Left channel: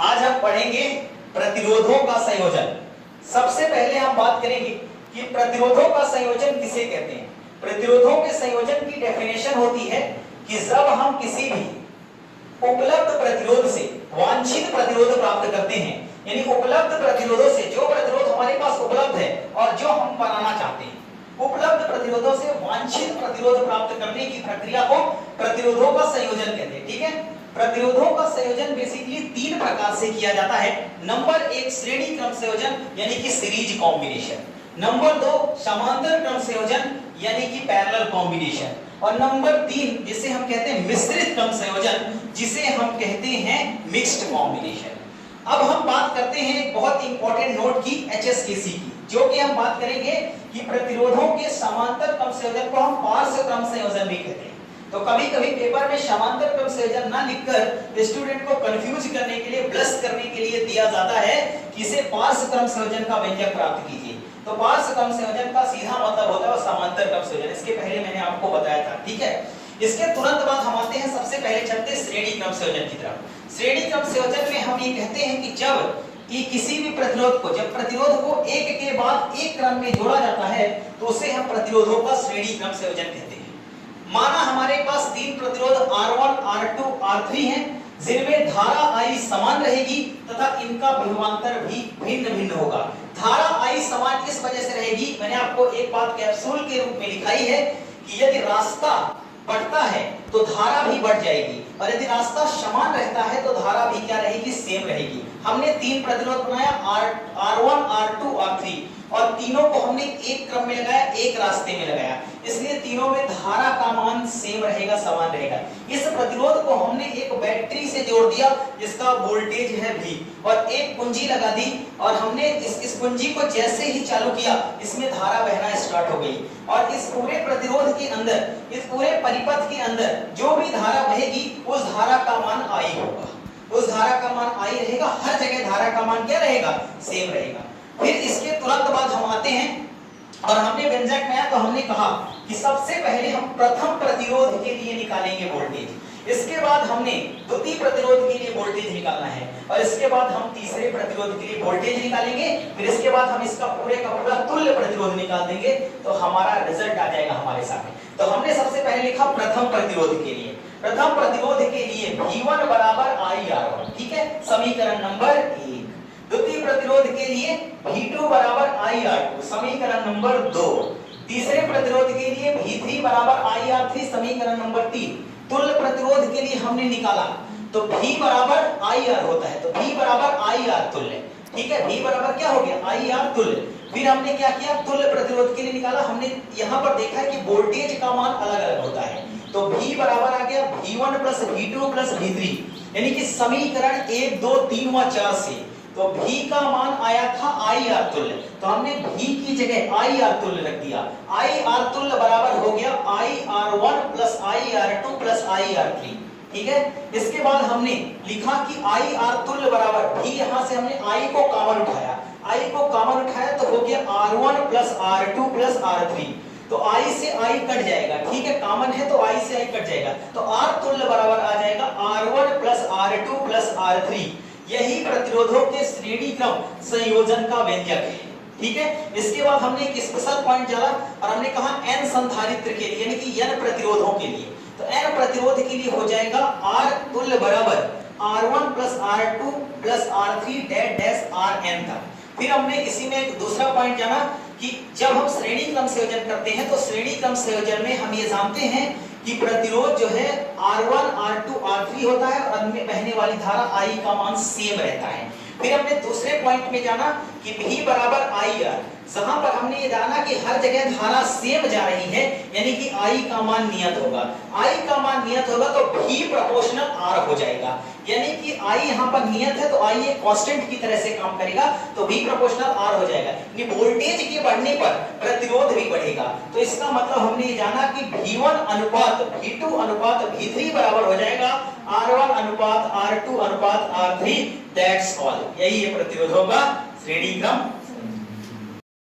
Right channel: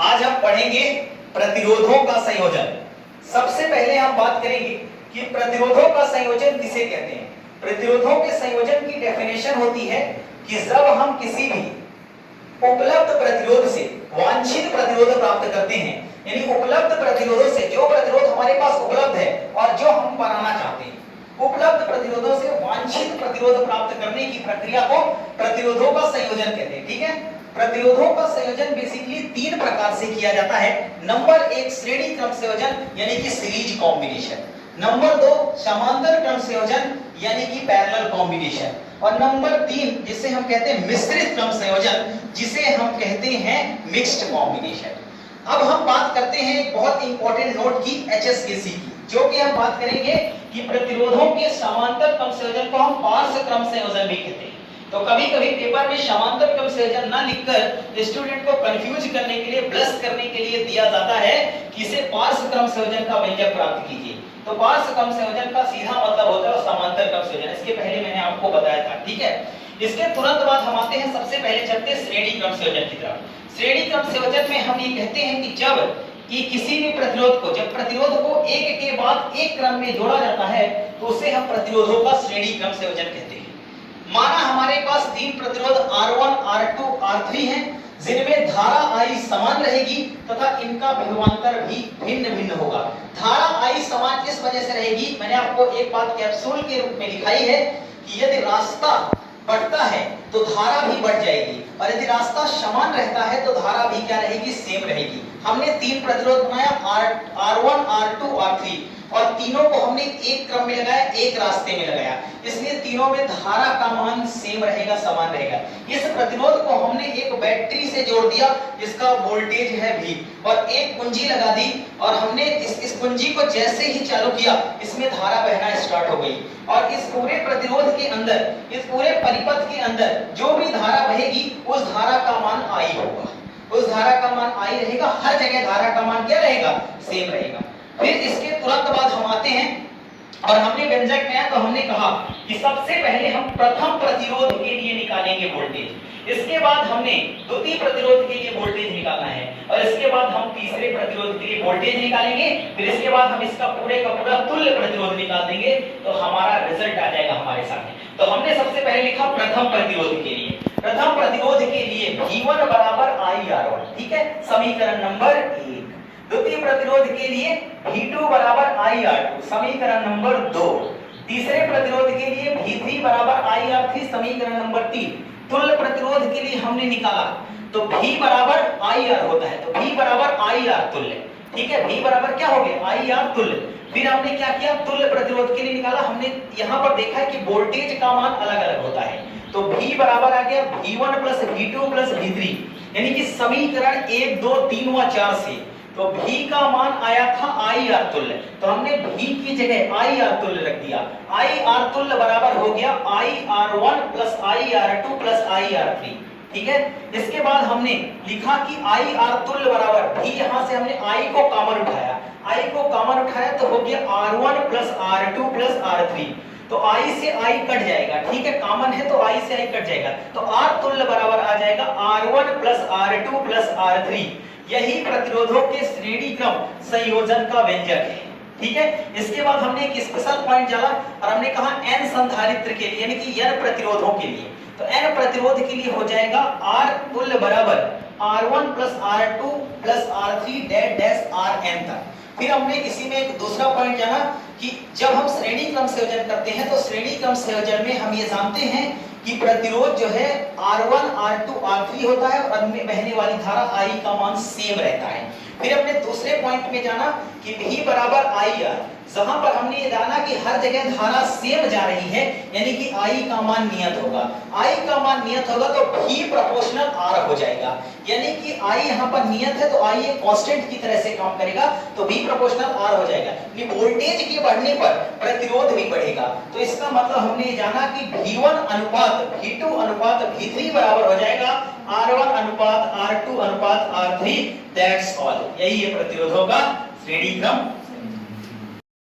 आज हम पढ़ेंगे प्रतिरोधों का संयोजन। सबसे पहले हम बात करेंगे कि प्रतिरोधों का संयोजन किसे कहते हैं। प्रतिरोधों के संयोजन की डेफिनेशन होती है कि जब हम किसी भी उपलब्ध प्रतिरोध से वांछित प्रतिरोध प्राप्त करते हैं, यानी उपलब्ध प्रतिरोधों से जो प्रतिरोध हमारे पास उपलब्ध है और जो हम बनाना चाहते हैं, उपलब्ध प्रतिरोधों से वांछित प्रतिरोध प्राप्त करने की प्रक्रिया को प्रतिरोधों का संयोजन कहते हैं। ठीक है, प्रतिरोधों का संयोजन बेसिकली तीन प्रकार से किया जाता है। नंबर एक, श्रेणी क्रम संयोजन यानी कि सीरीज कॉम्बिनेशन। नंबर दो, समांतर क्रम संयोजन यानी कि पैरेलल कॉम्बिनेशन। और नंबर तीन, जिसे हम कहते हैं मिश्रित क्रम संयोजन, जिसे हम कहते हैं मिक्स्ड कॉम्बिनेशन। अब हम बात करते हैं एक बहुत इंपॉर्टेंट नोट की, HSKC की, जो कि हम बात करेंगे कि प्रतिरोधों के समांतर क्रम संयोजन को हम पार्श्व क्रम संयोजन भी कहते हैं। तो कभी कभी पेपर में समांतर क्रम संयोजन ना लिखकर स्टूडेंट को कंफ्यूज करने के लिए, ब्लश करने के लिए दिया जाता है कि इसे पार्श्व क्रम संयोजन का व्यंजक प्राप्त कीजिए। तो पार्श्व क्रम संयोजन का सीधा मतलब होता है समांतर क्रम संयोजन। इसके पहले मैंने आपको बताया था। ठीक है, इसके तुरंत बाद हम आते हैं, सबसे पहले चलते हैं श्रेणी क्रम संयोजन की तरफ। श्रेणी क्रम संयोजन में हम ये कहते हैं कि जब कि किसी भी प्रतिरोध को, जब प्रतिरोध को एक के बाद एक क्रम में जोड़ा जाता है तो उसे हम प्रतिरोधों का श्रेणी क्रम संयोजन कहते हैं। माना हमारे पास तीन प्रतिरोध R1, R2, R3 हैं, जिनमें धारा I समान रहेगी तथा इनका विभवांतर भी भिन्न भिन्न होगा। धारा I समान इस वजह से रहेगी, मैंने आपको एक बात कैप्सूल के रूप में लिखाई है कि यदि रास्ता बढ़ता है तो धारा भी बढ़ जाएगी, और यदि रास्ता समान रहता है तो धारा भी क्या रहेगी, सेम रहेगी। हमने तीन प्रतिरोध बनाया, R1, R2, R3, और तीनों को हमने एक क्रम में लगाया, एक रास्ते में लगाया, इसलिए तीनों में धारा का मान सेम रहेगा, समान रहेगा। इस प्रतिरोध को हमने एक बैटरी से जोड़ दिया जिसका वोल्टेज है V, और एक कुंजी लगा दी, और हमने इस कुंजी को जैसे ही चालू किया इसमें धारा बहना स्टार्ट हो गई, और इस पूरे प्रतिरोध के अंदर, इस पूरे परिपथ के अंदर जो भी धारा बहेगी उस धारा का मान I होगा, उस धारा का मान I रहेगा। हर जगह धारा का मान क्या रहेगा, सेम रहेगा। फिर इसके तुरंत बाद हम आते हैं और हमने व्यंजक में तो हमने कहा कि सबसे पहले हम प्रथम प्रतिरोध के लिए निकालेंगे वोल्टेज, इसके बाद हमने द्वितीय प्रतिरोध के लिए वोल्टेज निकालना है, और इसके बाद हम तीसरे प्रतिरोध के लिए वोल्टेज निकालेंगे। फिर इसके बाद हम इसका पूरे का पूरा तुल्य प्रतिरोध निकाल देंगे तो हमारा रिजल्ट आ जाएगा हमारे सामने। तो हमने सबसे पहले लिखा प्रथम प्रतिरोध के लिए, प्रथम प्रतिरोध के लिए V1 बराबर IR1। ठीक है, समीकरण नंबर 1। द्वितीय प्रतिरोध के लिए V2 बराबर IR2, समीकरण नंबर 2। तीसरे प्रतिरोध के लिए V3 बराबर IR3, समीकरण नंबर 3। तुल्य प्रतिरोध के लिए हमने निकाला तो V बराबर IR होता है, तो V बराबर IR तुल्य। ठीक है, V बराबर क्या हो गया, IR तुल्य। फिर हमने क्या किया, तुल्य प्रतिरोध के लिए निकाला। हमने यहाँ पर देखा है कि वोल्टेज का मान अलग अलग होता है, तो V बराबर आ गया V1 plus V2 plus V3, यानी कि समीकरण 1, 2, 3 व 4 से। तो V का मान आया था IR तुल्य, तो हमने V की जगह IR तुल्य रख दिया। IR तुल्य बराबर हो गया IR1 plus IR2 plus IR3। ठीक है, इसके बाद हमने लिखा कि IR तुल्य बराबर V, यहां से हमने I को कॉमन उठाया, I को कॉमन उठाया तो हो गया R1 plus R2 plus R3। तो I से I कट जाएगा, ठीक है, कॉमन है तो I से I कट जाएगा, तो R तुल्य बराबर आ जाएगा R1 plus R2 plus R3। यही प्रतिरोधों के श्रेणी क्रम संयोजन का व्यंजक है। ठीक है, इसके बाद हमने एक स्पेशल पॉइंट डाला और हमने कहा n संधारित्र के लिए, यानी कि n प्रतिरोधों के लिए, तो n प्रतिरोध के लिए हो जाएगा R तुल्य बराबर R1 plus R2 plus R3 dash Rn था। फिर हमने इसी में एक दूसरा पॉइंट जाना कि जब हम श्रेणी क्रम संयोजन करते हैं तो श्रेणी क्रम संयोजन में हम ये जानते हैं कि प्रतिरोध जो है R1, R2, R3 होता है, और उनमें बहने वाली धारा I का मान सेम रहता है। फिर हमने दूसरे पॉइंट में जाना कि V बराबर IR, जहां पर हमने ये जाना कि हर जगह धारा सेम जा रही है, यानी कि I का मान नियत होगा। I का मान नियत होगा तो V प्रोपोर्शनल R हो जाएगा, यानी कि I यहाँ पर नियत है तो I एक कांस्टेंट की तरह से काम करेगा, तो V प्रोपोर्शनल R हो जाएगा। ये वोल्टेज के बढ़ने पर प्रतिरोध भी बढ़ेगा, तो इसका मतलब हमने जाना कि V1 अनुपात V2 अनुपात V3 बराबर हो जाएगा R1 अनुपात R2 अनुपात R3। दैट्स ऑल, यही है प्रतिरोधों का श्रेणी क्रम